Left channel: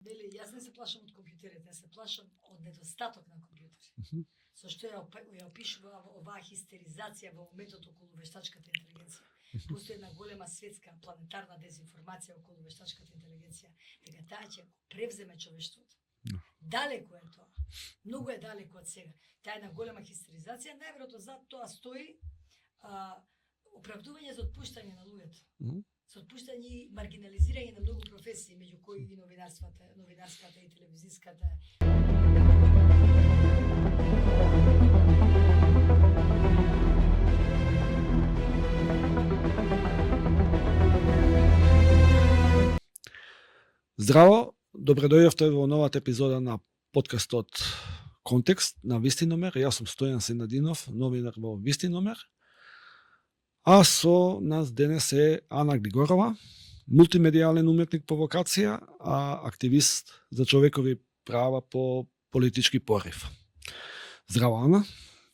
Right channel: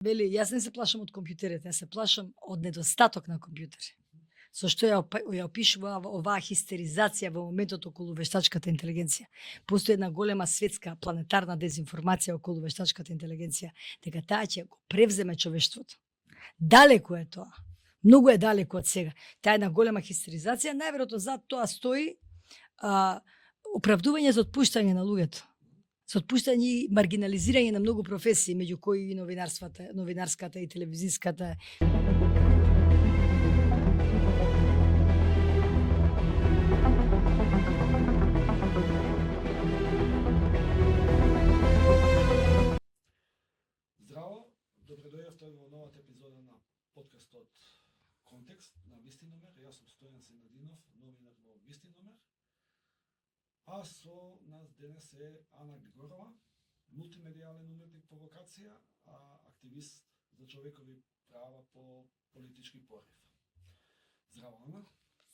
Вели, јас не се плашам од компјутерите, јас се плашам од недостаток на компјутери. Зашто ја опишува оваа хистеризација во моментот околу вештачката интелигенција. Постои една голема светска планетарна дезинформација околу вештачката интелигенција, дека таа ќе го превземе човештвото. Далеку е тоа. Многу е далеку од сега. Таа е една голема хистеризација, најверојатно зад тоа стои оправдување за отпуштање на луѓето. За отпуштање и маргинализирање на многу професии, меѓу кои и новинарската и телевизиската. Здраво, добре дојдовте во новата епизода на подкастот Контекст на Вистиномер. Јас сум Стојан Сенадинов, новинар во Вистиномер. А со нас денес е Ана Григорова, мултимедијален уметник по вокација, а активист за човекови права по политички порив. Здраво, Ана.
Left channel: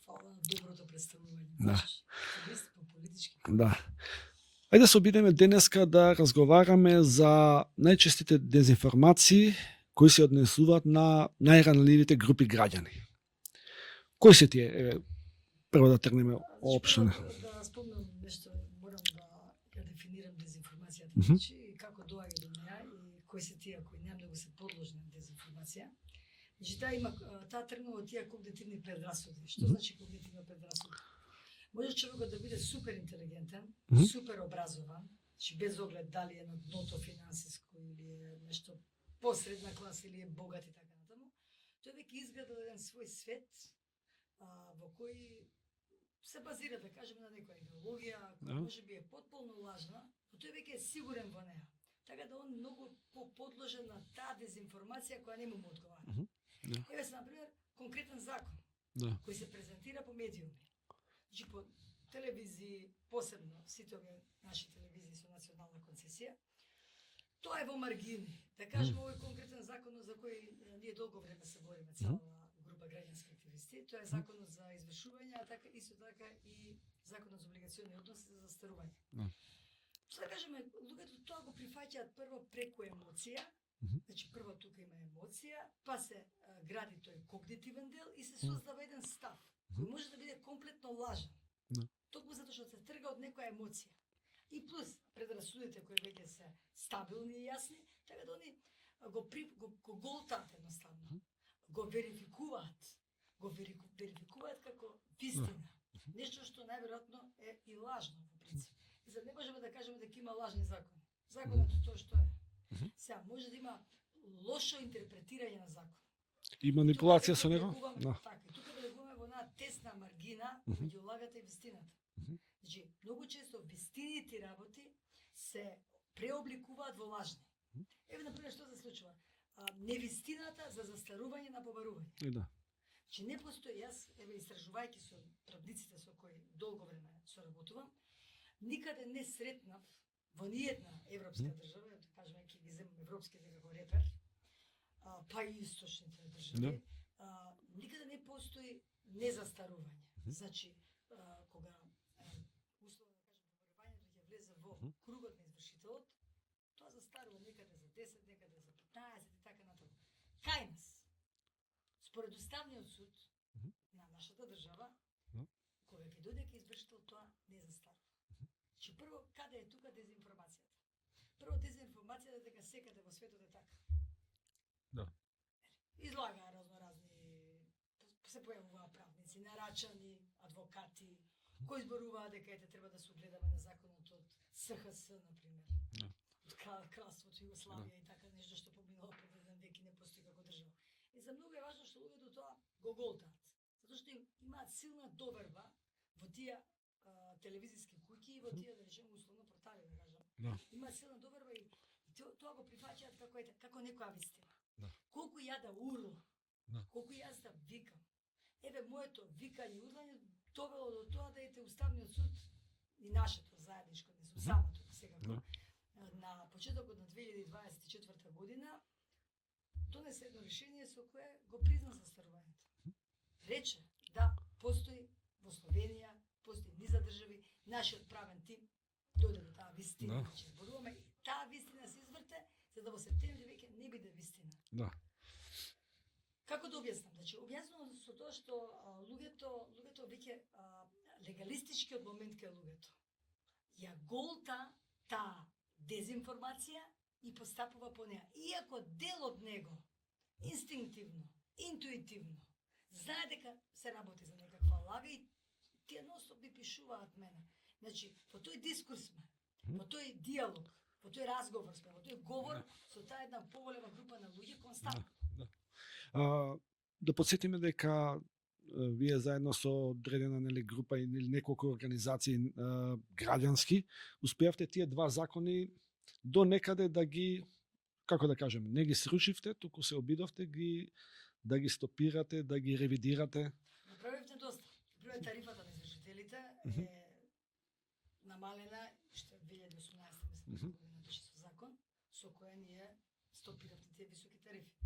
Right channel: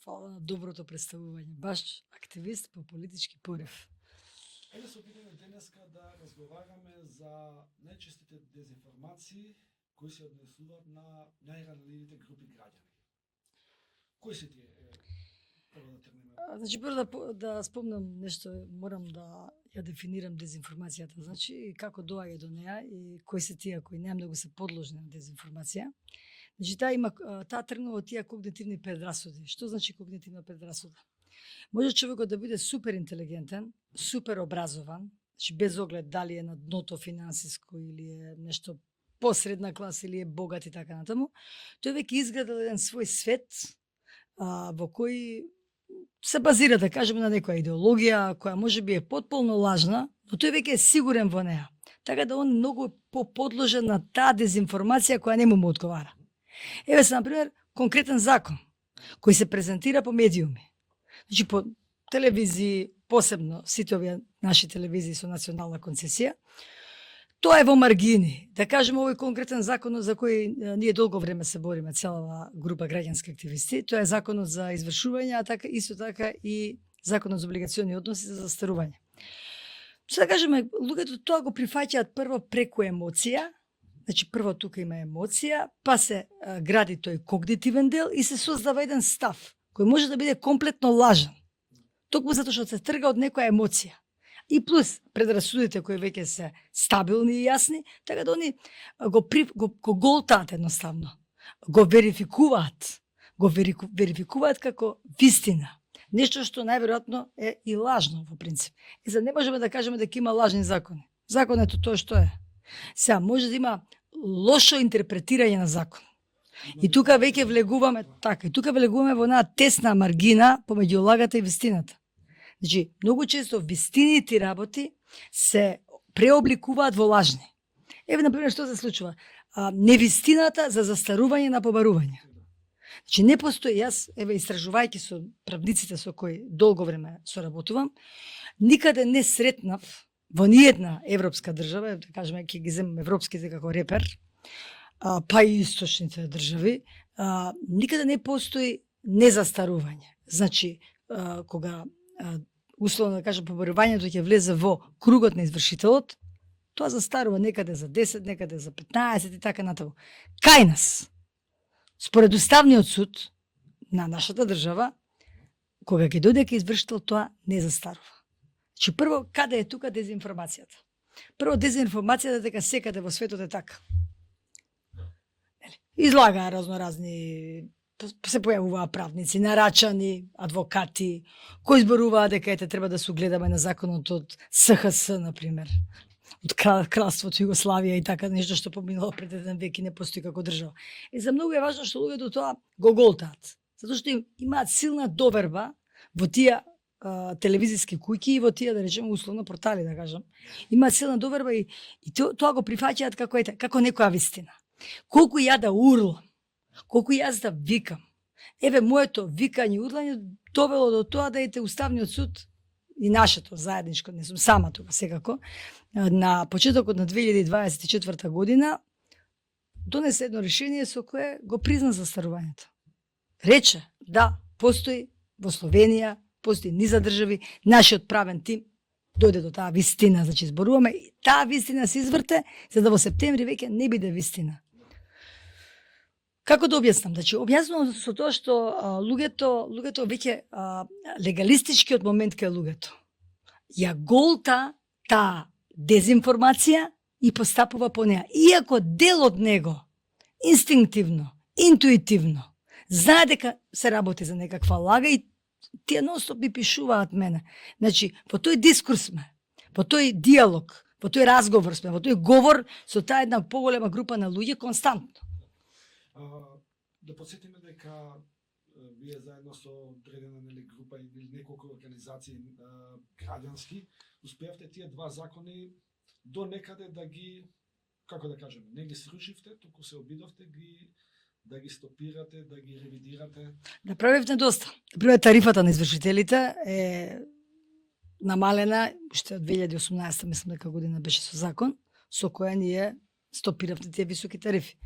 Фала на доброто представување. Баш активист по политички порив. Да. Ајде се обидеме денеска да разговараме за најчестите дезинформации кои се однесуваат на најранливите групи граѓани. Кои се тие? Прво да тргнеме опшено. Да спомнам нешто, морам да ја дефинирам дезинформацијата. Значи, како доаѓа до неа и кои се тие кои најмногу се подложни на дезинформација. Значи, таа тргнува од тие когнитивни предрасуди. Што значи когнитивна предрасуда? Може човекот да биде супер интелигентен, супер образован, значи без оглед дали е на дното финансиско или е нешто посредна класа или е богат и така натаму. Тој веќе изградил еден свој свет во кој се базира, да кажеме, на некоја идеологија која може би е потполно лажна, но тој веќе е сигурен во неа. Така да он многу подложен на таа дезинформација која не му одговара. Еве се, например, конкретен закон кој се презентира по медиуми. Значи, по телевизии, посебно сите овие наши телевизии со национална концесија, тоа е во маргини. Да кажеме, овој конкретен закон за кој ние долго време се бориме, цела група граѓански активисти, тоа е законот за извршување, а така исто така и законот за облигациони односи за застарување. Што да кажеме, луѓето тоа го прифаќаат прво преку емоција, значи прво тука има емоција, па се гради тој когнитивен дел и се создава еден став кој може да биде комплетно лажен. Токму затоа што се трга од некоја емоција. И плюс предрасудите кои веќе се стабилни и јасни, така да они го голтаат едноставно. Го верификуваат. Верификуваат како вистина. Нешто што најверојатно е и лажно во принцип. И за не можеме да кажеме дека има лажни закони. Законот е тоа што е. Сега може да има лошо интерпретирање на закон. И тука веќе влегуваме, така, и тука влегуваме во една тесна маргина помеѓу лагата и вистината. Значи, многу често вистините работи се преобликуваат во лажни. Еве, например, што се случува? Невистината за застарување на побарување. Значи, не постои, јас, еве, истражувајќи со правниците со кои долго време соработувам, никаде не сретнав во ниедна европска држава, да кажеме, ќе ги земам европските како репер, па и источните држави, никаде не постои незастарување. Значи, кога условно да кажем побарувањето ќе влезе во кругот на извршителот, тоа застарува некаде за 10, некаде за 15 и така натаму. Кај нас, според Уставниот суд на нашата држава, кога ќе дојде кај извршител, тоа не застарува. Значи, прво, каде е тука дезинформацијата? Прво, дезинформацијата дека секаде во светот е така. Излагаа разноразни, се појавуваа правници, нарачани, адвокати, кои зборуваа дека треба да се угледаме на законот од СХС, например, од кралството Југославија и така, нешто што поминало пред еден век и не постои како држава. И за многу е важно што луѓето тоа го голтаат, затоа што имаат силна доверба во тие телевизиски куќи и во тие, да речеме, условно портали, да кажам. Имаат силна доверба и тоа го прифаќаат како некоја вистина. Колку ја да урлам, колку јас да викам. Еве, моето викање и урлање довело до тоа да ете Уставниот суд и нашето заедничко, не сум сама тука секако, на почетокот на 2024 година донесе едно решение со кое го призна застарувањето. Рече, да, постои во Словенија, постои низа држави, нашиот правен тим дојде до таа вистина, значи зборуваме, таа вистина се изврте, за да во септември веќе не биде вистина. Да. Како да објаснам? Значи, објаснувам со тоа што луѓето веќе легалистичкиот момент кај луѓето ја голта таа дезинформација и постапува по неа. Иако дел од него, инстинктивно, интуитивно, знае дека се работи за некаква лага и тие нонстоп ми пишуваат мене. Значи, во тој дискурс сме, во тој диалог, во тој разговор сме, во тој говор со таа една поголема група на луѓе константно. Да подсетиме дека вие заедно со одредена група или неколку организации граѓански успеавте тие два закони до некаде да ги, како да кажем, не ги срушивте, туку се обидовте да ги стопирате, да ги ревидирате. Направивте доста. Например, тарифата на извршителите е намалена уште од 2018, мислам дека година беше со закон, со која ние стопиравте тие високи тарифи.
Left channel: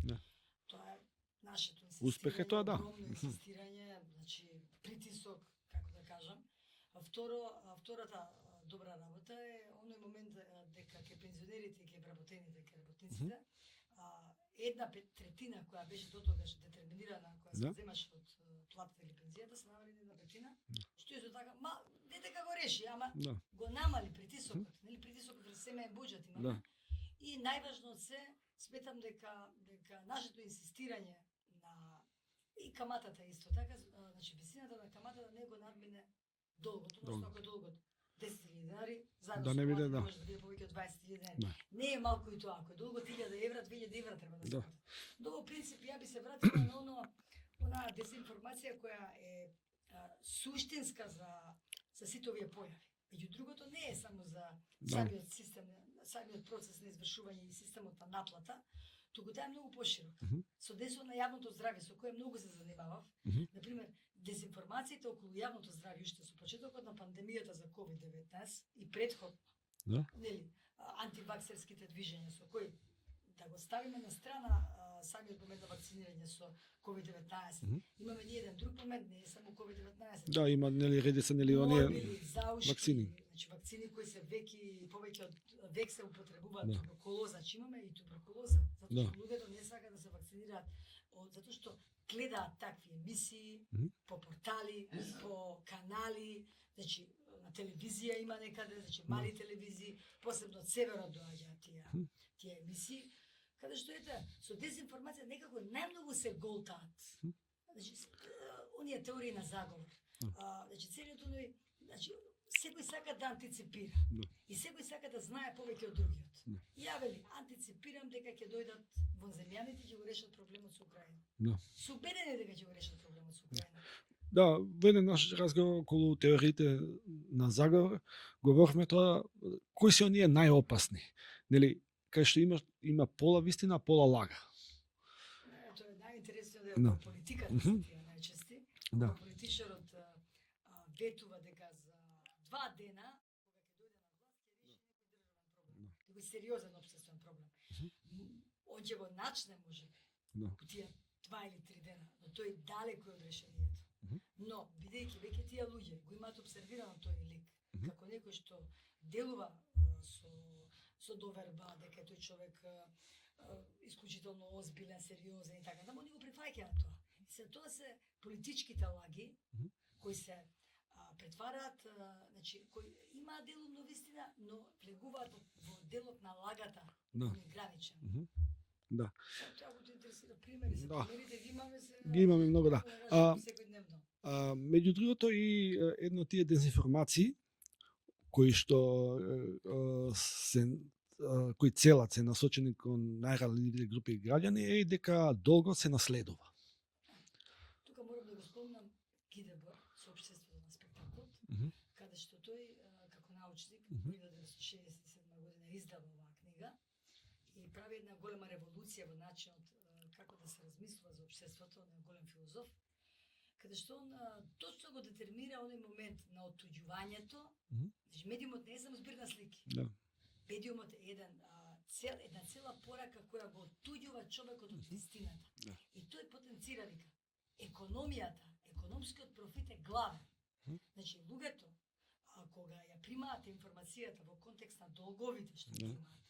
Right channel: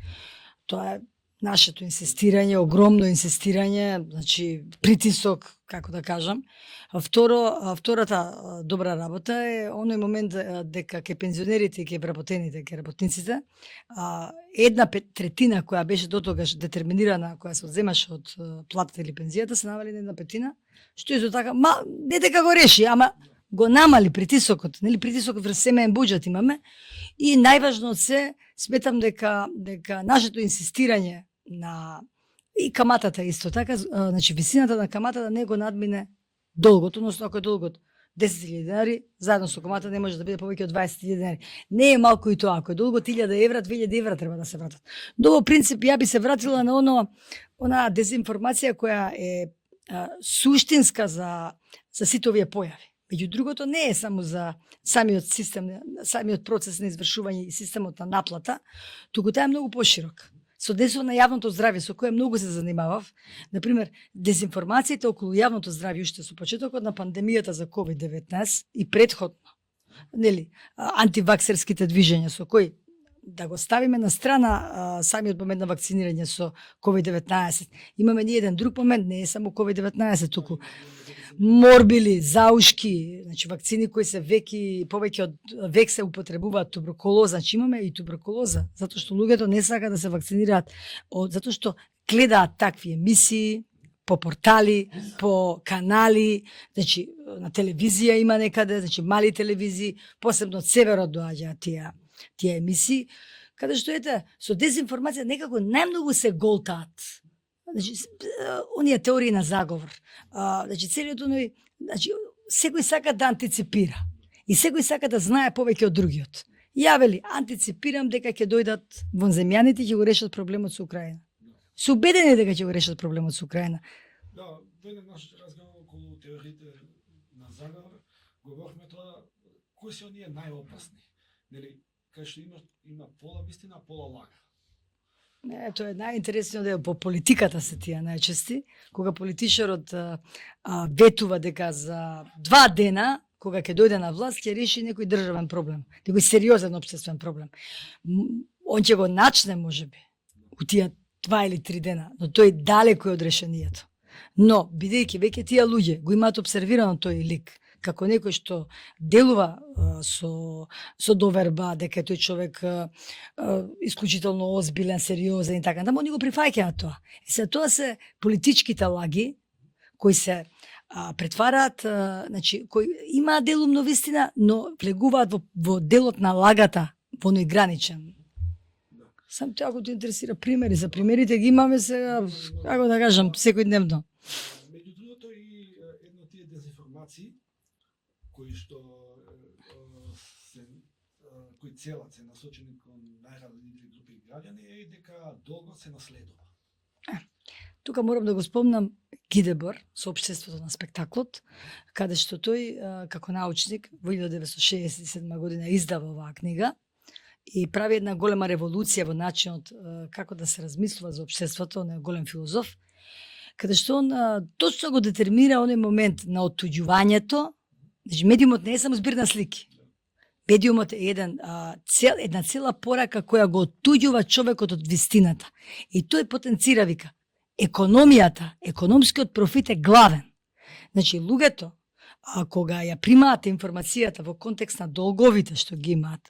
Тоа е нашето инсистирање, огромно инсистирање, значи притисок, како да кажам. Втората добра работа е оној момент дека ке пензионерите и ке вработените, ке работниците, една третина која беше дотогаш детерминирана, која се земаше од платата или пензијата, се намали на една петина, што исто така, не дека го реши, ама го намали притисокот, нели притисокот врз семеен буџет имаме, и најважно од се, сметам дека нашето инсистирање на и каматата исто така, значи висината на каматата не го надмине долгот, односно ако е долгот 10.000 денари, заедно со камата не може да биде повеќе од 20.000 денари. Не е малку и тоа, ако е долгот 1000 евра, 2000 евра треба да се вратат. Но во принцип ја би се вратила на она дезинформација која е суштинска за сите овие појави. Меѓу другото не е само за самиот систем, самиот процес на извршување и системот на наплата, туку таа е многу поширок. Со десот на јавното здравје, со кое многу се занимавав, например, дезинформацијата околу јавното здравје уште со почетокот на пандемијата за COVID-19 и претходно, нели, антиваксерските движења со кои да го ставиме на страна самиот момент на вакцинирање со COVID-19. Имаме ни еден друг момент, не е само COVID-19, туку морбили, заушки, значи вакцини кои се повеќе од век се употребуваат, туберкулоза, значи имаме и туберкулоза, затоа што луѓето не сакаат да се вакцинираат, затоа што гледаат такви емисии по портали, по канали, значи на телевизија има некаде, значи мали телевизии, посебно од северот доаѓаат тие емисии, каде што со дезинформација некако најмногу се голтаат. Значи оние теории на заговор. Значи целиот оној, значи секој сака да антиципира. И секој сака да знае повеќе од другиот. Ја вели, антиципирам дека ќе дојдат вонземјаните и ќе го решат проблемот со Украина. Се убедени дека ќе го решат проблемот со Украина. Да, во еден наш разговор околу теориите на заговор, говорихме тоа, кои се оние најопасни, нели, кај што има пола вистина, пола лага. Тоа е најинтересниот дел по политиката се тие најчести, кога политичарот ветува дека за 2 дена кога ќе дојде на власт, ќе реши некој државен проблем, некој сериозен општествен проблем. Он ќе го начне, можеби, у тие 2 или 3 дена, но тој далеко е од решението. Но, бидејќи веќе тие луѓе го имаат обсервирано тој лик, како некој што делува со доверба, дека тој човек исклучително озбилен, сериозен и така, они го прифаќаат тоа. И се тоа се политичките лаги, кои се претвараат, значи, кои имаат делумно вистина, но влегуваат во делот на лагата, поноиграничен. Да. Сам тоа, ако те интересира примери, за примерите ги имаме сега, како да кажам, секојдневно. Меѓу другото и едно тие дезинформации, кои што кои целат се насочени кон најранливи групи граѓани, е и дека долго се наследува. Тука морам да го спомнам Гидебор со општеството на спектаклот, каде што тој како научник во 1967 година издава оваа книга и прави една голема револуција во начинот како да се размислува за општеството, он е голем филозоф, каде што он точно го детермира оној момент на оттуѓувањето. Значи медиумот не е само збир на слики. Медиумот е една цела порака која го оттуѓува човекот од вистината. И тој потенцира, вика, економијата, економскиот профит е главен. Значи, луѓето, А кога ја примаат информацијата во контекст на долговите што ги имаат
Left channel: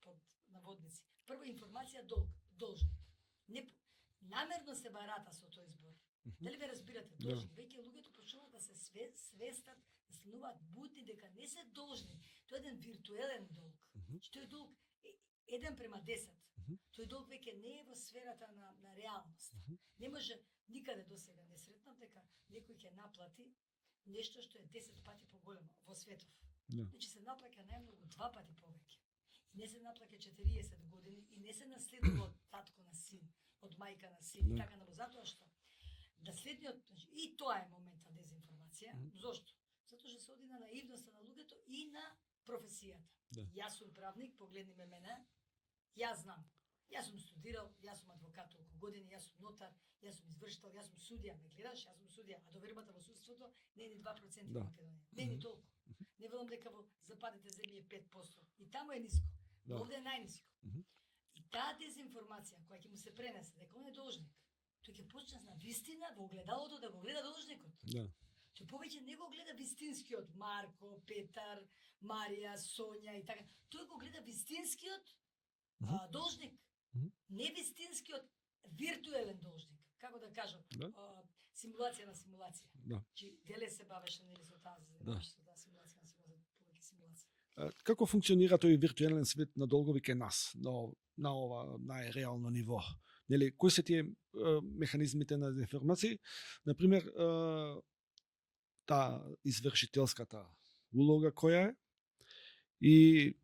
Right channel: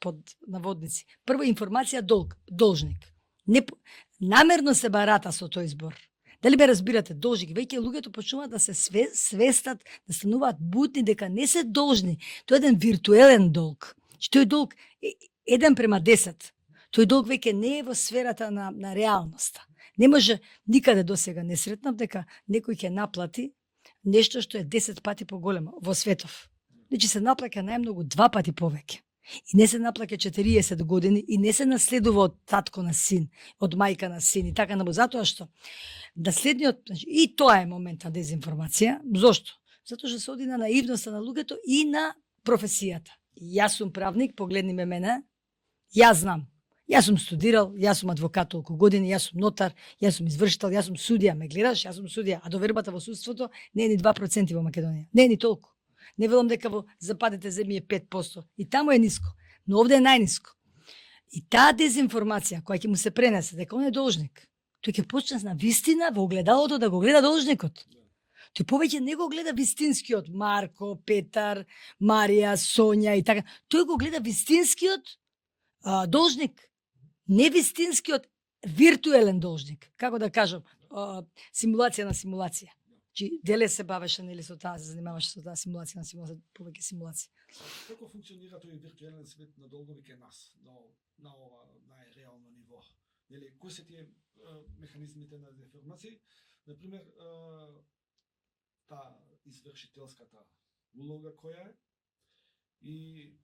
под наводници. Прво информација должник. Намерно се барата со тој збор. Дали ме разбирате, должник, веќе луѓето почнуваат да се свестат, да стануваат будни дека не се должни. Тоа е еден виртуелен долг. Тој долг е 1:10. Тој долг веќе не е во сферата на реалноста. Не може никаде досега не сретнав дека некој ќе наплати нешто што е 10 пати поголемо во светов. Значи се наплаќа најмногу 2 пати повеќе. И не се наплаќа 40 години и не се наследува од татко на син, од мајка на син и така набу. Затоа што следниот, значи, и тоа е момент на дезинформација. Зошто? Затоа што се оди на наивноста на луѓето и на професијата. Јас сум правник, погледни ме мене, јас знам. Јас сум студирал, јас сум адвокат толку години, јас сум нотар, јас сум извршител, јас сум судија, ме гледаш, јас сум судија, а довербата во судството не е ни 2% во Македонија. Не е ни толку. Не велам дека во западните земји е 5%. И таму е ниско, но овде е најниско. И таа дезинформација која ќе му се пренесе дека он е должник, тој ќе почне на вистина во огледалото да го гледа должникот. Тој повеќе не го гледа вистинскиот Марко, Петар, Марија, Сонја и така. Тој го гледа вистинскиот должник. Не вистинскиот виртуелен должник. Како да кажам, симулација на симулација. Чи деле се бавеше нели со таа, се занимаваше со таа симулација на симулација, повеќе симулација. Како функционира тој виртуелен свет на долгови кај нас, на ова најреално ниво? Нели, кои се тие механизмите на информации? Например, таа извршителската улога која е и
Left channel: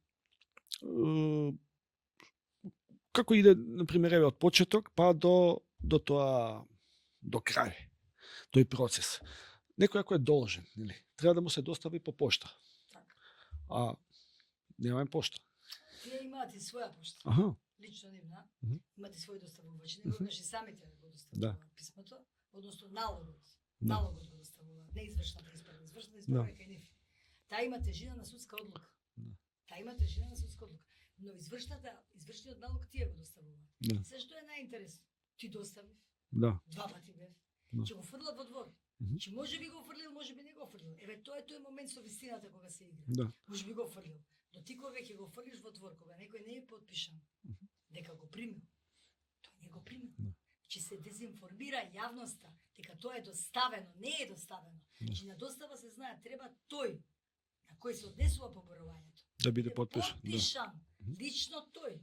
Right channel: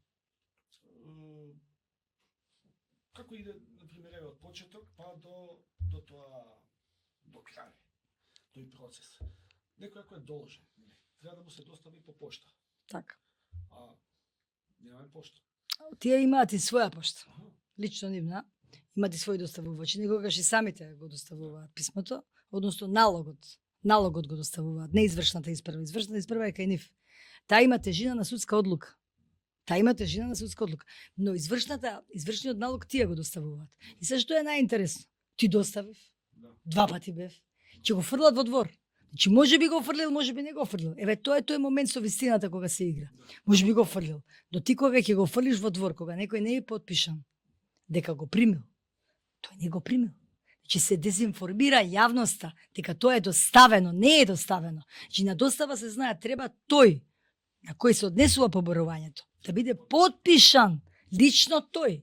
како иде, например, еве од почеток па до тоа до крај, тој процес. Некој ако е должен, нели, треба да му се достави по пошта. Така. А немаме пошта. Тие имаат и своја пошта. Аха. Лично нивна, имаат и своји доставувачи. Некогаш и самите го доставуваат писмото, односно налогот. Налогот го доставуваат, не извршната испрва. Извршната испрва е кај нив. Таа има тежина на судска одлука. Таа има тежина на судска одлука. Но извршниот налог тие го доставуваат. И се што е најинтересно? Ти доставив. 2 пати бев. Ќе го фрлат во двор. Че може би го фрлил, може би не го фрлил. Еве тоа е тој момент со вистината кога се игра. Може би го фрлил. До ти кога ќе го фрлиш во двор, кога некој не е подпишан дека го примил, тој не го примил. Че се дезинформира јавноста дека тоа е доставено, не е доставено. Че на достава се знае треба тој на кој се однесува поборувањето да биде подпишан лично тој.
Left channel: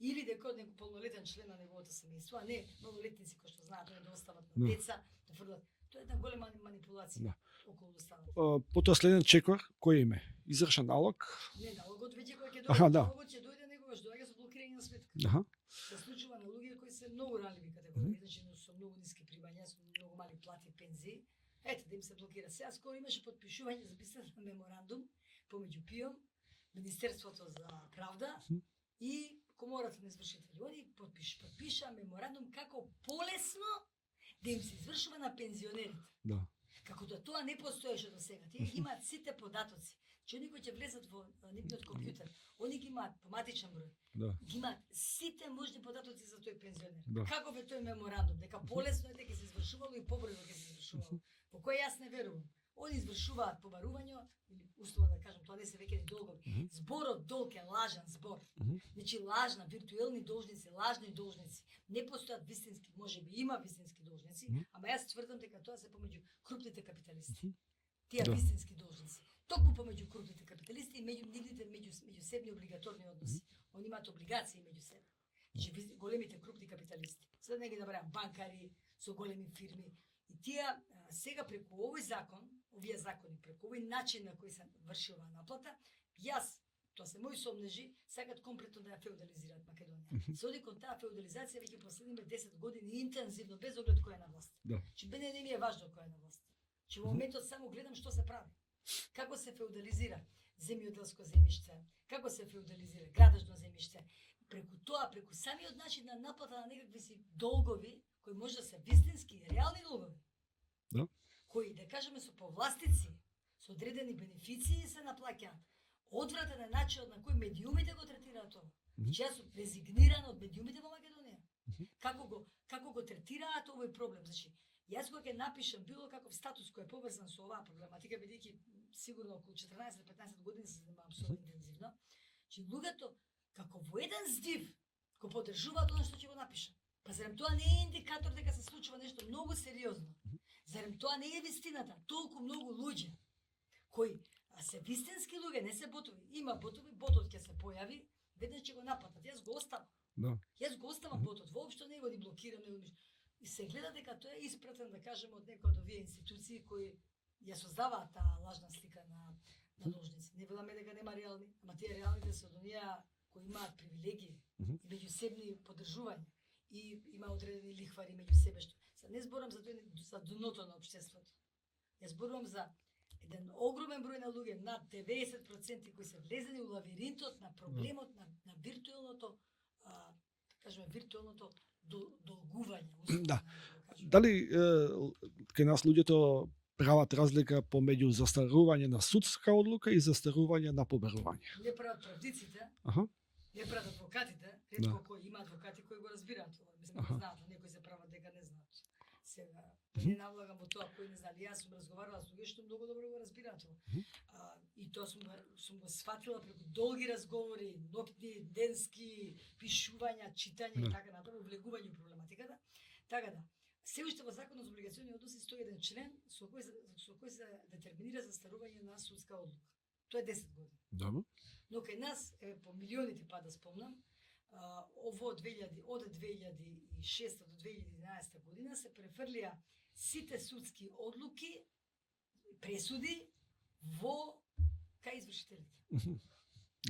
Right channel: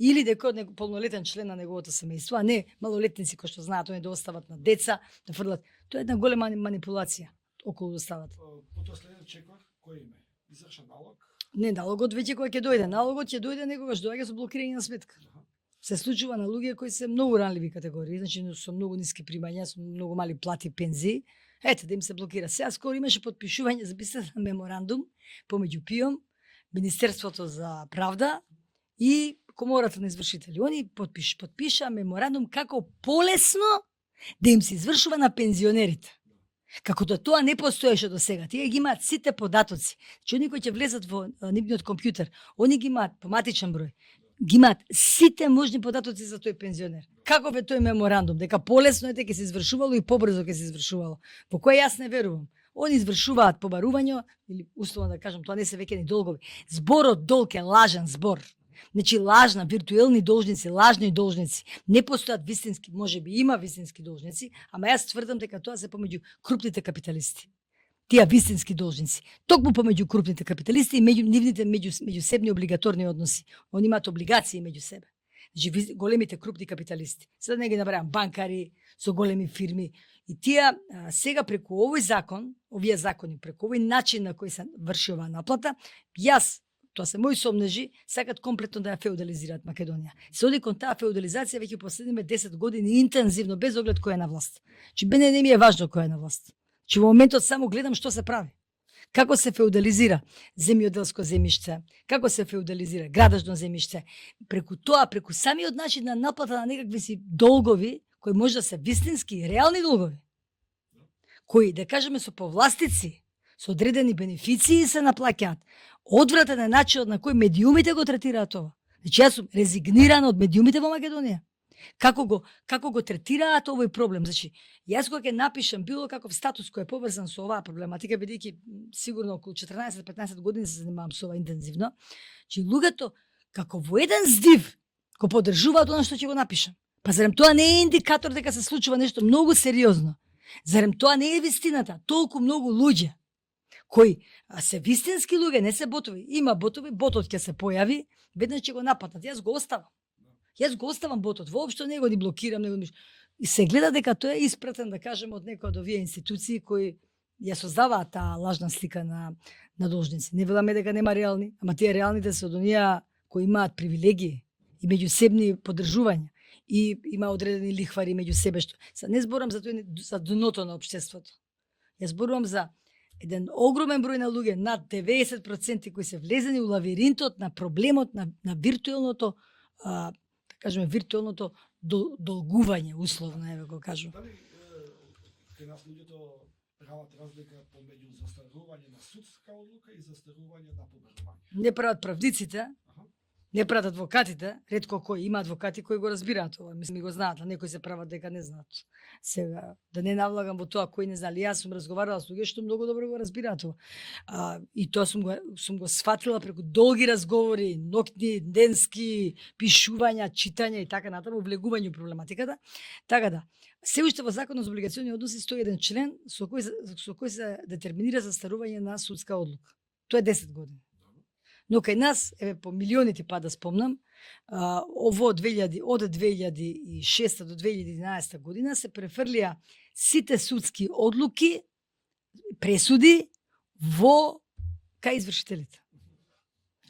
Или дека од полнолетен член на неговото семејство, а не малолетници кои што знаат они да остават на деца, да фрлат. Тоа е една голема манипулација околу доставата. Потоа следен чекор кој име? Извршен налог? Не, налогот веќе кој ќе дојде. Налогот ќе дојде некогаш доаѓа со блокирање на сметка. Се случува на луѓе кои се многу ранливи категории, значи со многу ниски примања, со многу мали плати, пензии. Ете да им се блокира. Сега скоро имаше подпишување за записан меморандум помеѓу ПИОМ, Министерството за правда и Комората на извршители. Они подпиша меморандум како полесно да им се извршува на пензионерите. Како да тоа не постоеше до сега. Тие ги имаат сите податоци. Че они кои ќе влезат во нивниот компјутер, они ги имаат по матичен број. Ги имаат сите можни податоци за тој пензионер. Каков е тој меморандум? Дека полесно е дека ќе се извршувало и побрзо ќе се извршувало. По кој јас не верувам. Они извршуваат побарување, или условно да кажам, тоа не се веќе ни долгови. Зборот долг е лажен збор. Значи лажна, виртуелни должници, лажни должници. Не постојат вистински, можеби има вистински должници, ама јас тврдам дека тоа се помеѓу крупните капиталисти. Тие вистински должници. Токму помеѓу крупните капиталисти и меѓу нивните меѓусебни облигаторни односи. Они имаат облигации меѓу себе. Значи големите крупни капиталисти. Сега не ги набрајам, банкари со големи фирми. И тие сега преку овој закон, овие закони, преку овој начин на кој се врши оваа наплата, јас, тоа се мои сомнежи, сакат комплетно да ја феудализираат Македонија. Се оди кон таа феудализација веќе последниве 10 години интензивно, без оглед кој е на власт. Че мене не ми е важно кој е на власт. Че во моментот само гледам што се прави. Како се феудализира земјоделско земјиште, како се феудализира градежно земјиште. Преку тоа, преку самиот начин на наплата на некакви си долгови, кои може да се вистински и реални долгови, кои, да кажеме, со повластици, со одредени бенефиции се наплаќаат. Одвратен е начинот на кој медиумите го третираат ова. Значи јас сум резигнирана од медиумите во Македонија. Како го третираат овој проблем. Значи, јас кога ќе напишам било каков статус кој е поврзан со оваа проблематика, бидејќи сигурно околу 14-15 години се занимавам со ова интензивно, че луѓето како во еден здив го поддржуваат она што ќе го напишам. Па зарем тоа не е индикатор дека се случува нешто многу сериозно? Зарем тоа не е вистината? Толку многу луѓе кои се вистински луѓе, не се ботови. Има ботови, ботот ќе се појави, веднаш ќе го нападнат. Јас го оставам. Да. Јас го оставам ботот. Воопшто не го ни блокирам, не го ни... И се гледа дека тоа е испратен, да кажеме, од некој од овие институции кои ја создаваат таа лажна слика на должници. Не веламе дека нема реални, ама тие реалните се од оние кои имаат привилегии и меѓусебни поддржувања и има одредени лихвари меѓу себе што. Не зборам за тој за дното на општеството. Јас зборувам за еден огромен број на луѓе, над 90% кои се влезени у лавиринтот на проблемот на виртуелното, да кажеме, виртуелното долгување, условно, да го кажам. Дали кај нас луѓето прават разлика помеѓу застарување на судска одлука и застарување на побарување? Не прават правдиците, не прават адвокатите, ретко кои има адвокати кои го разбираат ова, мислам го знаат, а некои се прават дека не знаат. Сега да не навлагам во тоа кои не знали, јас сум разговарала со луѓе што многу добро го разбираат ова. И тоа сум го сфатила преку долги разговори, ноќни, денски, пишувања, читања и така натаму, влегување во проблематиката. Така да, се уште во Законот за облигациони односи стои еден член со кој се детерминира застарување на судска одлука. Тоа е 10 години. Добро. Но кај нас, по милионите па да спомнам, од 2006 до 2011 година се префрлија сите судски одлуки, пресуди кај извршителите.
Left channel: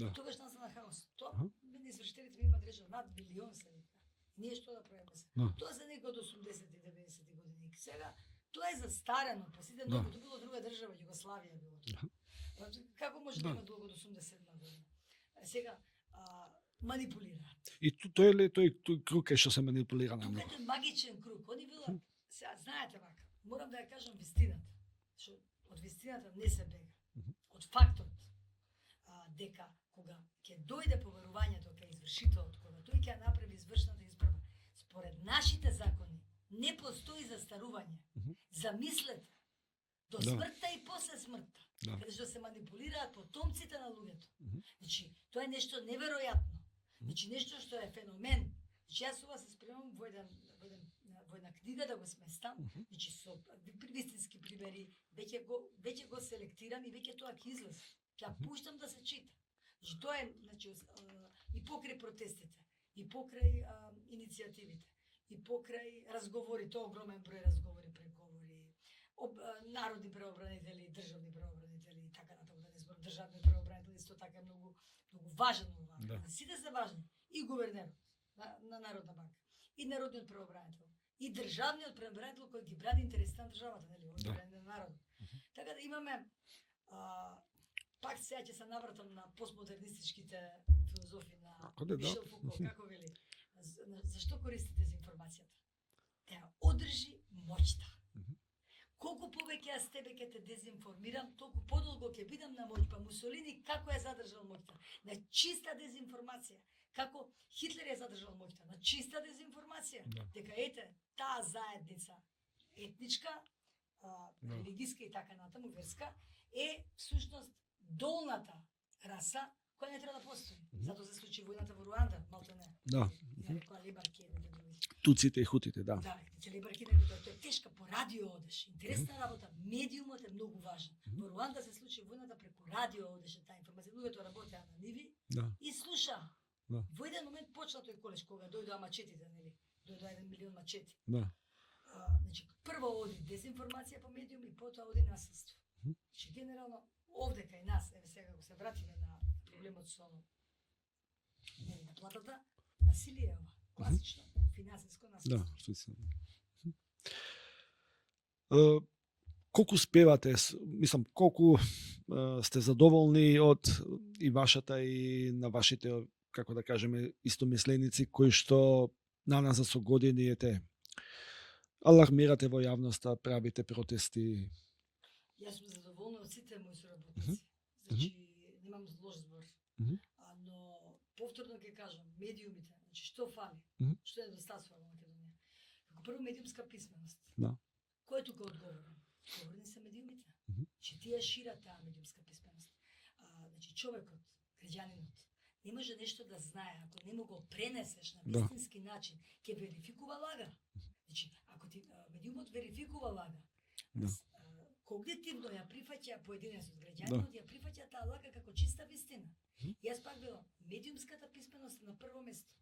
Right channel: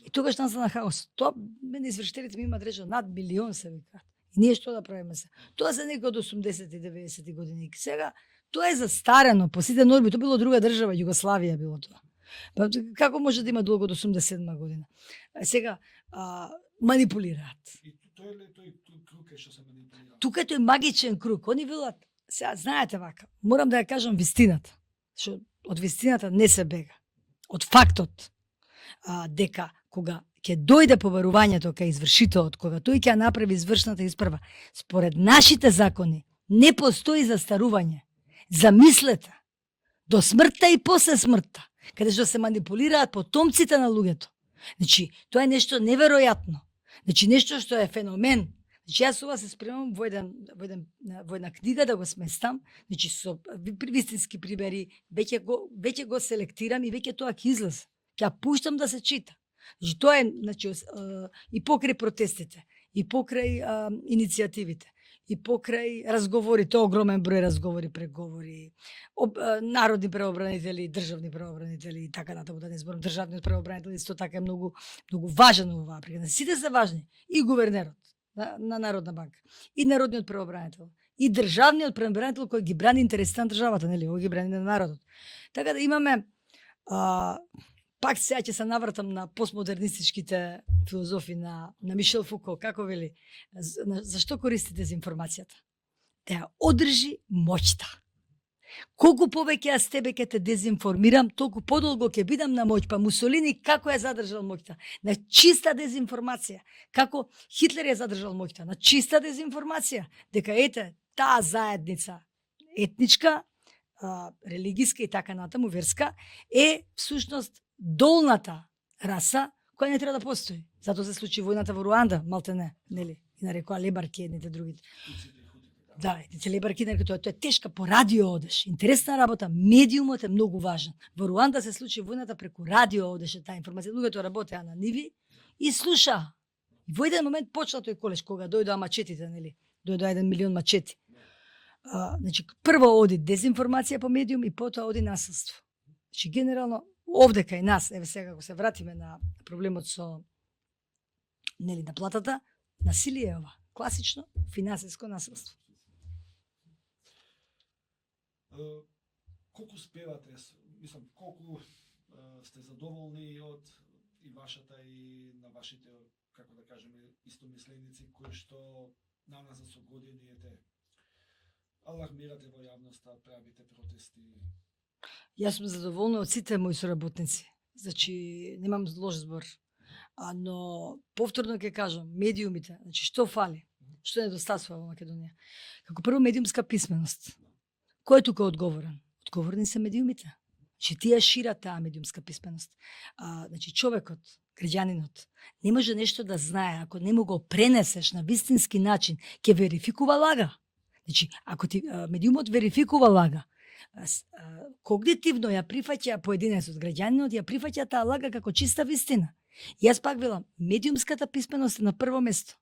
Да. И тогаш настана хаос. Тоа мене извршителите ми имаат речено над милион се викаат. И ние што да правиме се? Тоа се некои од 80-90 години. Сега тоа е застарено по сите норми, тоа било друга држава, Југославија било тоа. Па, како може да има долго до 87 година? Сега манипулираат. И тој е тој круг што се манипулира? Тука тој магичен круг. Они велат, сега знаете вака, морам да ја кажам вистината. Што од вистината не се бега. Од фактот дека кога ќе дојде побарувањето кај извршителот, кога тој ќе направи извршната испрва, според нашите закони не постои застарување. Замислете, до смртта и после смртта, каде што се манипулираат потомците на луѓето. Значи, тоа е нешто неверојатно. Значи, нешто што е феномен. Значи, јас ова се спремам во една книга да го сместам, значи, со вистински примери, веќе го селектирам и веќе тоа ќе излезе. Ќе ја пуштам да се чита. Значи, тоа е, значи, и покрај протестите, и покрај иницијативите, и покрај разговорите, огромен број разговори, преговори, народни правобранители, државни правобранители и така натаму, да не зборам, државниот правобранител исто така е многу важен во оваа причина. Сите се важни, и гувернерот на Народна банка, и народниот правобранител, и државниот правобранител кој ги брани интересите на државата, нели, кој ги брани на народот. Така да имаме пак сега ќе се навратам на постмодернистичките филозофи на Мишел Фуко, како вели, зашто користи дезинформацијата? Да ја одржи моќта. Колку повеќе јас тебе ќе те дезинформирам, толку подолго ќе бидам на моќ. Па Мусолини како ја задржал моќта? На чиста дезинформација. Како Хитлер ја задржал моќта? На чиста дезинформација. Дека ете, таа заедница етничка, религиска и така натаму, верска, е всушност долната раса која не треба да постои. Затоа се случи војната во Руанда, малтене, нели? И нарекоа лебарки едните другите. Туците и хутите, да. Да, едните лебарки нарекоа тоа е тешка, по радио одеш. Интересна работа, медиумот е многу важен. Во Руанда се случи војната преку радио одеше таа информација. Луѓето работеа на ниви и слуша. Да. Во еден момент почна тој колеж кога дојдоа мачетите, нели? Дојдоа 1 милион мачети. Да. Значи прво оди дезинформација по медиум и потоа оди насилство. Значи генерално овде кај нас, еве сега ако се вратиме на проблемот со нели на платата, насилие е ова, класично финансиско насилство. Да, колку спевате, мислам, колку сте задоволни од и вашата и на вашите, како да кажеме, истомисленици кои што наназад со години ете алармирате во јавноста, правите протести? Јас сум задоволна од сите мои соработници. Значи, немам лош збор. Но повторно ќе кажам, медиумите, значи што фали? Што недостасува во Македонија? Како прво медиумска писменост. Да. Кој е тука одговорен? Одговорни се медиумите. Че тие шират таа медиумска писменост. Значи човекот, граѓанинот, не може нешто да знае ако не му го пренесеш на вистински начин, ќе верификува лага. Значи, ако ти медиумот верификува лага, когнитивно ја прифаќа поединецот, граѓанинот ја прифаќа таа лага како чиста вистина. И јас пак велам, медиумската писменост е на прво место.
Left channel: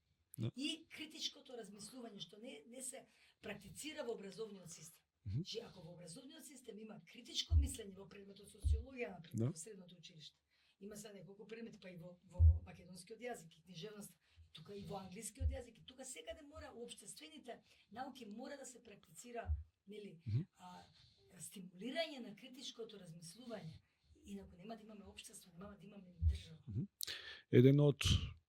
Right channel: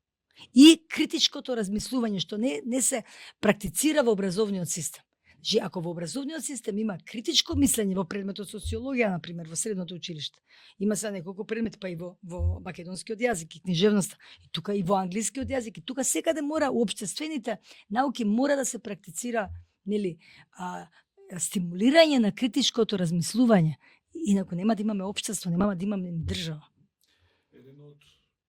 И критичкото размислување што не се практицира во образовниот систем. Че ако во образовниот систем има критичко мислење во предметот социологија, на пример, во средното училиште, има се неколку предмети, па и во македонскиот јазик и книжевноста, и тука и во англискиот јазик, и тука секаде мора уопштествените науки мора да се практицира, нели, стимулирање на критичкото размислување. Инаку нема да имаме општество, нема да имаме држава. Еден од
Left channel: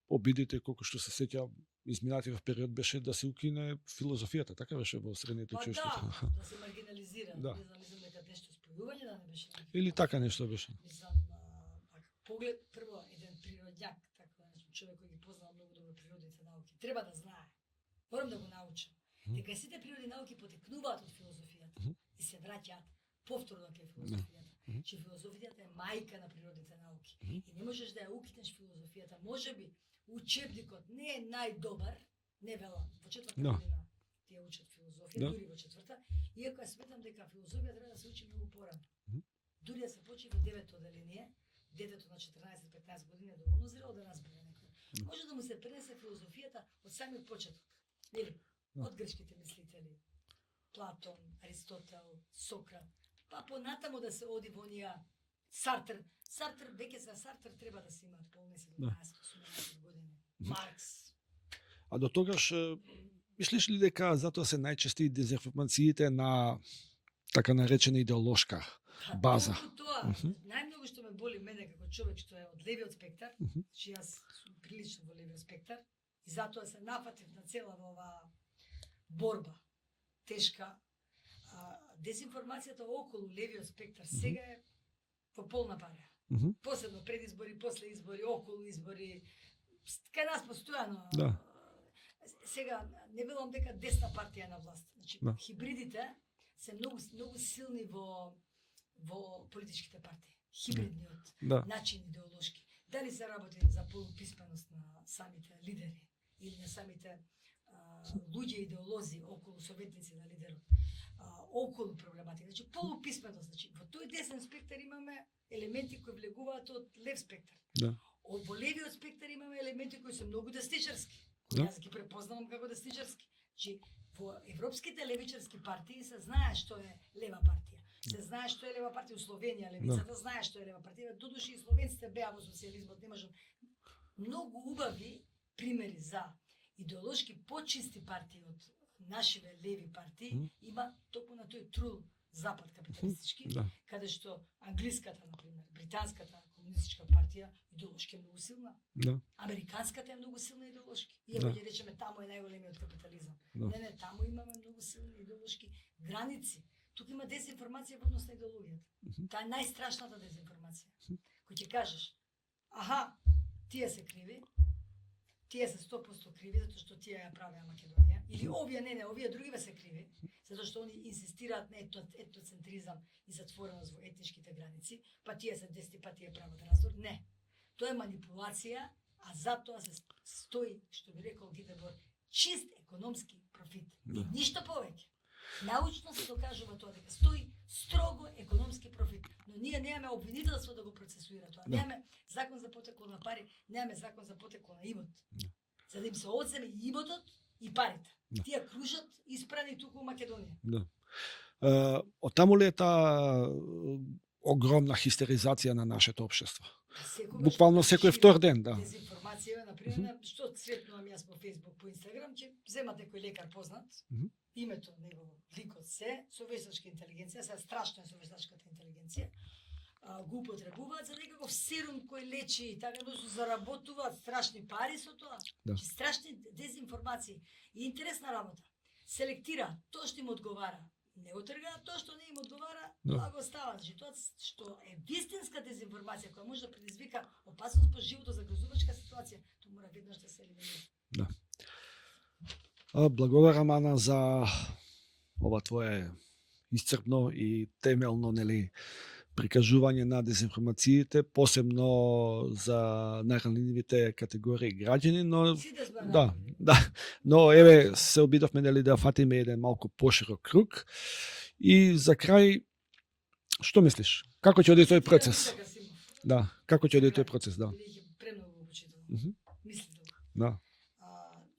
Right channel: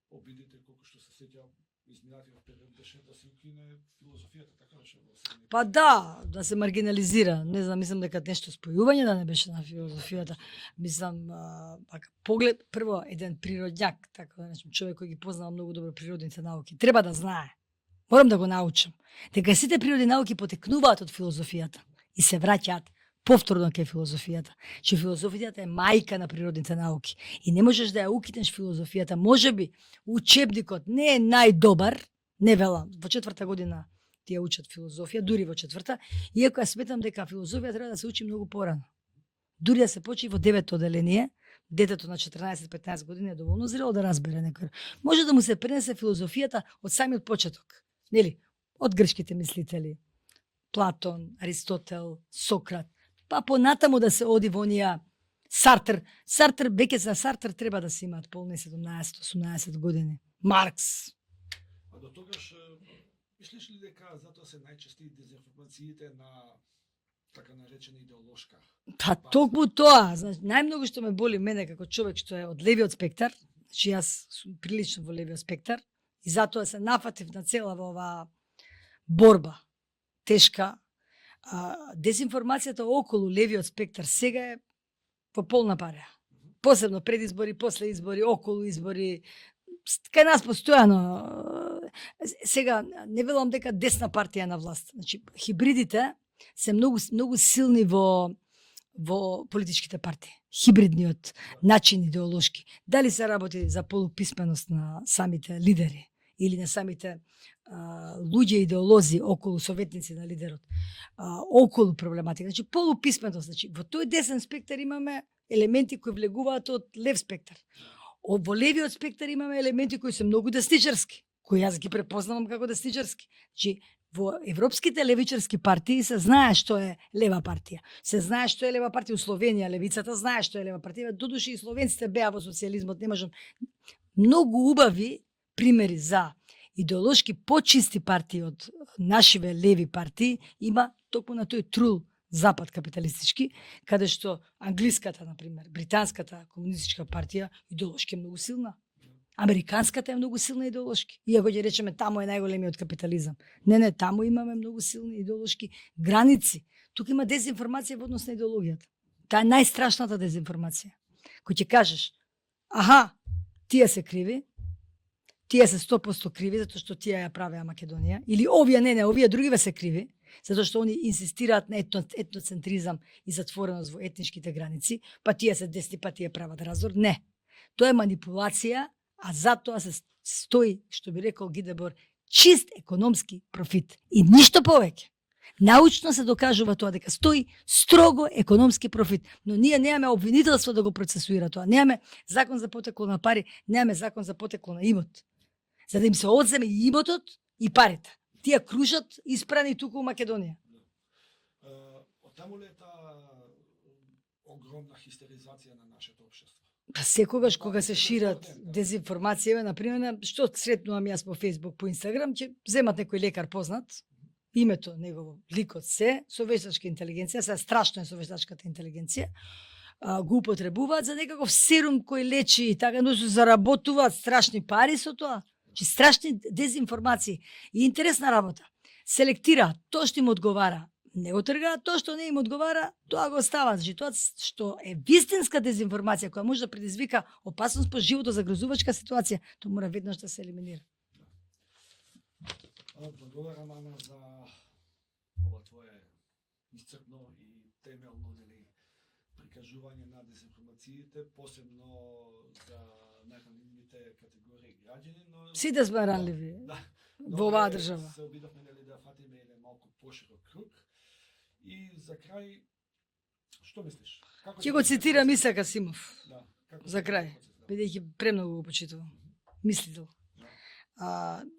обидите, колку што се сеќавам, изминатиот период беше да се укине филозофијата, така беше во средните Па училишта. да се маргинализира. Да. Не знам, мислам дека нешто спојување да не беше на филозофијата. Или така нешто беше. Мислам, поглед, прво, еден природњак, така да речем, човек кој ги познава многу добро природните науки, треба да знае. Морам да го научам. Дека сите природни науки потекнуваат од филозофијата и се враќаат повторно кај филозофијата. Че филозофијата е мајка на природните науки. И не можеш да ја укинеш филозофијата. Можеби учебникот не е најдобар, не велам, во четврта година тие учат филозофија, дури во четврта, иако ја сметам дека филозофија треба да се учи многу порано. Дури да се почи во 9-то оделение, детето на 14-15 години е доволно зрело да разбере некој. Може да му се пренесе филозофијата од самиот почеток. Нели? Од грчките мислители. Платон, Аристотел, Сократ. Па понатаму да се оди во онија Сартр. Сартр, веќе за Сартр треба да се имаат полни 17-18 години. Маркс. А до тогаш, мислиш ли дека затоа се најчести дезинформациите на така наречена идеолошка база? Токму тоа. Значи, најмногу што ме боли мене како човек што е од левиот спектар, значи јас сум прилично во левиот спектар, и затоа се нафатив на цела во оваа борба тешка. Дезинформацијата околу левиот спектар сега е во полна пареја. Посебно пред избори, после избори, околу избори, кај нас постојано. Сега не велам дека десна партија на власт. Значи хибридите се многу силни во политичките партии. Хибридниот начин идеолошки. Дали се работи за полуписменост на самите лидери или на самите луѓе идеолози околу советници на лидерот, околу проблематика. Значи полуписменост, значи во тој десен спектар имаме елементи кои влегуваат од лев спектар. Во левиот спектар имаме елементи кои се многу десничарски, кои јас ги препознавам како десничарски. Значи во европските левичарски партии се знае што е лева партија. Се знае што е лева партија. У Словенија левицата знае што е лева партија. Додуши и словенците беа во социјализмот, не можам. Многу убави примери за идеолошки почисти партии од нашиве леви партии има токму на тој трул запад капиталистички, каде што англиската, например, британската комунистичка партија идеолошки е многу силна. Американската е многу силна идеолошки. Иако ќе речеме таму е најголемиот капитализам. Не, таму имаме многу силни идеолошки граници. Тука има дезинформација во однос на идеологијата. Таа е најстрашната дезинформација. Кој ќе кажеш, аха, тие се криви, тие се 100% криви затоа што тие ја правеа Македонија, или овие овие другиве се криви затоа што они инсистираат на етноцентризам и затвореност во етничките граници, па тие се десни, па тие прават раздор. Не. Тоа е манипулација, а затоа се стои, што би рекол Гидебор, чист економски профит и ништо повеќе. Научно се докажува тоа дека стои строго економски профит, но ние немаме обвинителство да го процесуира тоа. Немаме закон за потекло на пари, немаме закон за потекло на имот. За да им се одземе и имотот и парите. Тие кружат испрани туку у Македонија. Од таму ли е таа огромна хистеризација на нашето општество? Секогаш кога се шира ден, дезинформација, например, што сретнувам јас по Facebook, по Instagram, ќе земат некој лекар познат, името негово, ликот се, со вештачка интелигенција, се страшно е со вештачката интелигенција, го употребуваат за некаков серум кој лечи и така, но се заработуваат страшни пари со тоа. Че страшни дезинформации и интересна работа. Селектираат тоа што им одговара не го тргаат тоа што не им одговара, тоа го оставаат. Значи тоа што е вистинска дезинформација која може да предизвика опасност по животот, загрозувачка ситуација, тоа мора веднаш да се елиминира. Да. Благодарам, Ана, за ова твое исцрпно и темелно, нели, прикажување на дезинформациите, посебно за најранливите категории граѓани, но Сите сме ранливи. Да. Но Во оваа еве држава. се обидовме, нели, да фатиме еден малку поширок круг. И за крај, што мислиш? Како ќе Ќе го оди тој цитирам процес? Исак Асимов, Да, како ќе За оди крај. тој процес, да. бидејќи премногу го почитувам. Мгм. Мислител. Да.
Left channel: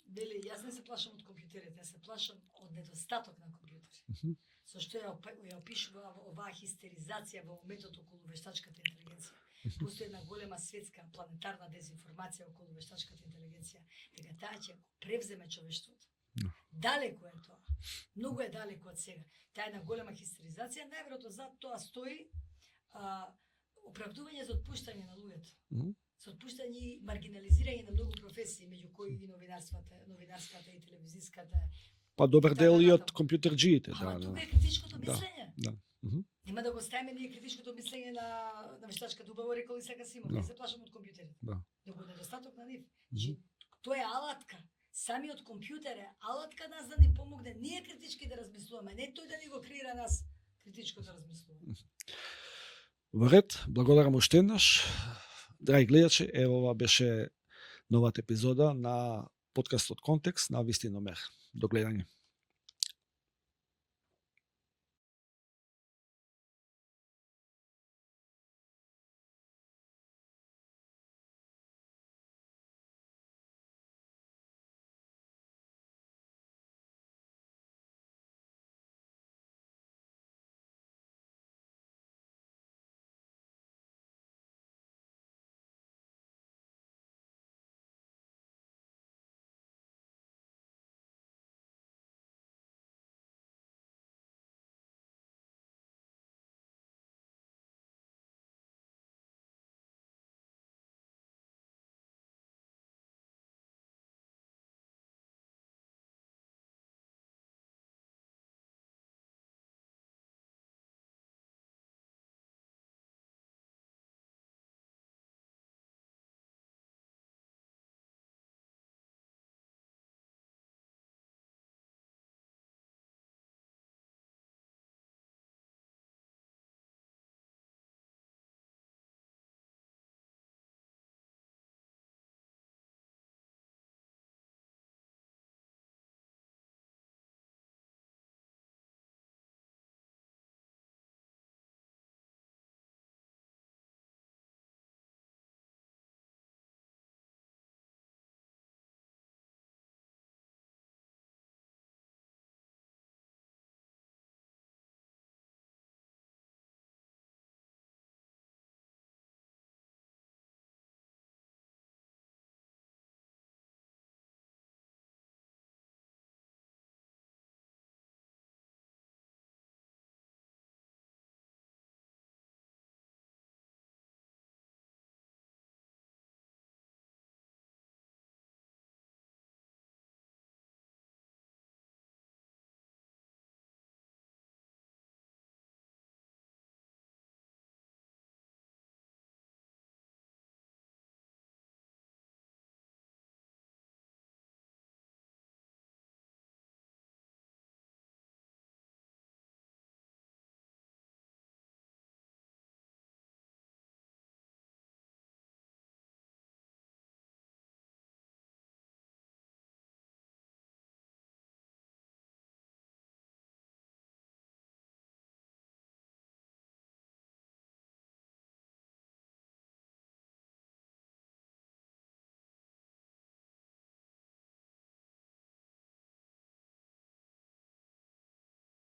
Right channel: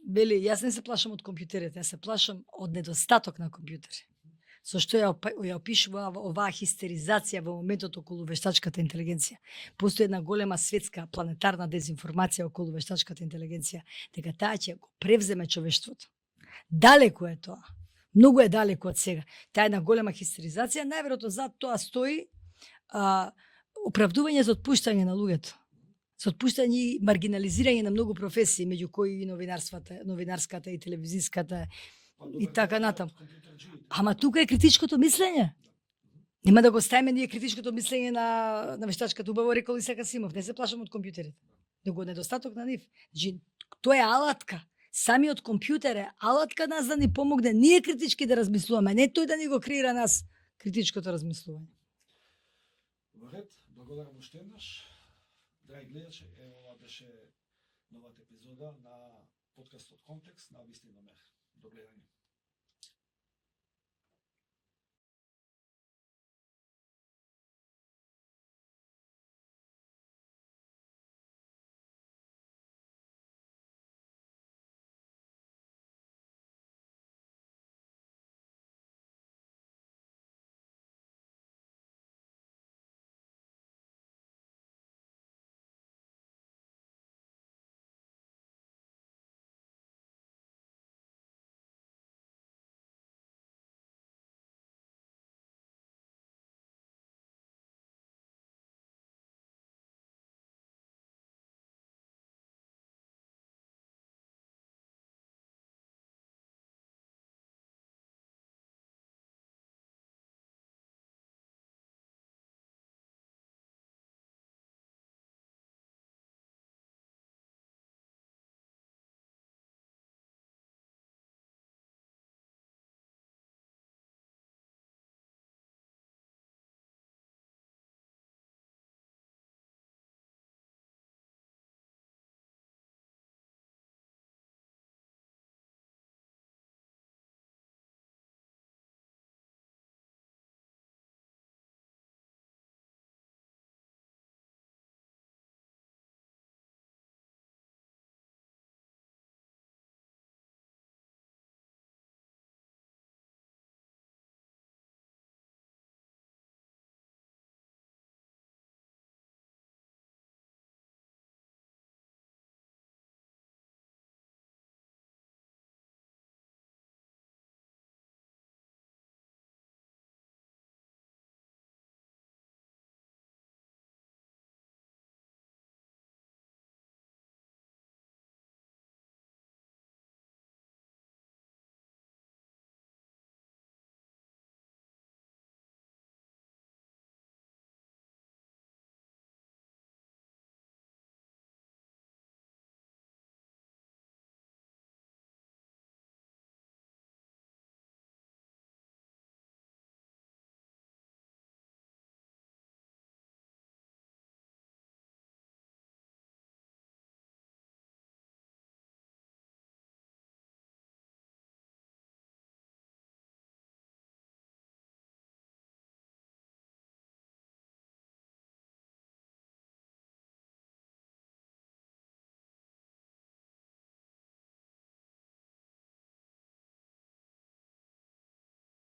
Вели, јас не се плашам од компјутерите, јас се плашам од недостаток на компјутери. Мгм. Зашто ја опишува оваа хистеризација во моментот околу вештачката интелигенција. Постои една голема светска планетарна дезинформација околу вештачката интелигенција, дека таа ќе го превземе човештвото. Далеку е тоа. Многу е далеку од сега. Таа е една голема хистеризација, најверојатно зад тоа стои оправдување за отпуштање на луѓето. Мгм. За отпуштање и маргинализирање на многу професии, меѓу кои и новинарската и телевизиската. Па добар И така дел и од натаму. компјутерџиите. Ама да, тука е критичкото мислење. Да. Мгм. Нема да го ставиме ние критичкото мислење на вештачката, убаво рекол Исак Асимов. Да. Не се плашам од компјутерите. Да. Него недостаток на нив. Значи, тоа е алатка. Самиот компјутер е алатка нас да ни помогне ние критички да размислуваме, не тој да ни го креира нас критичкото размислување. Во ред, благодарам уште еднаш. Драги гледачи, ево ова беше новата епизода на подкастот Контекст на Вистиномер. До гледање.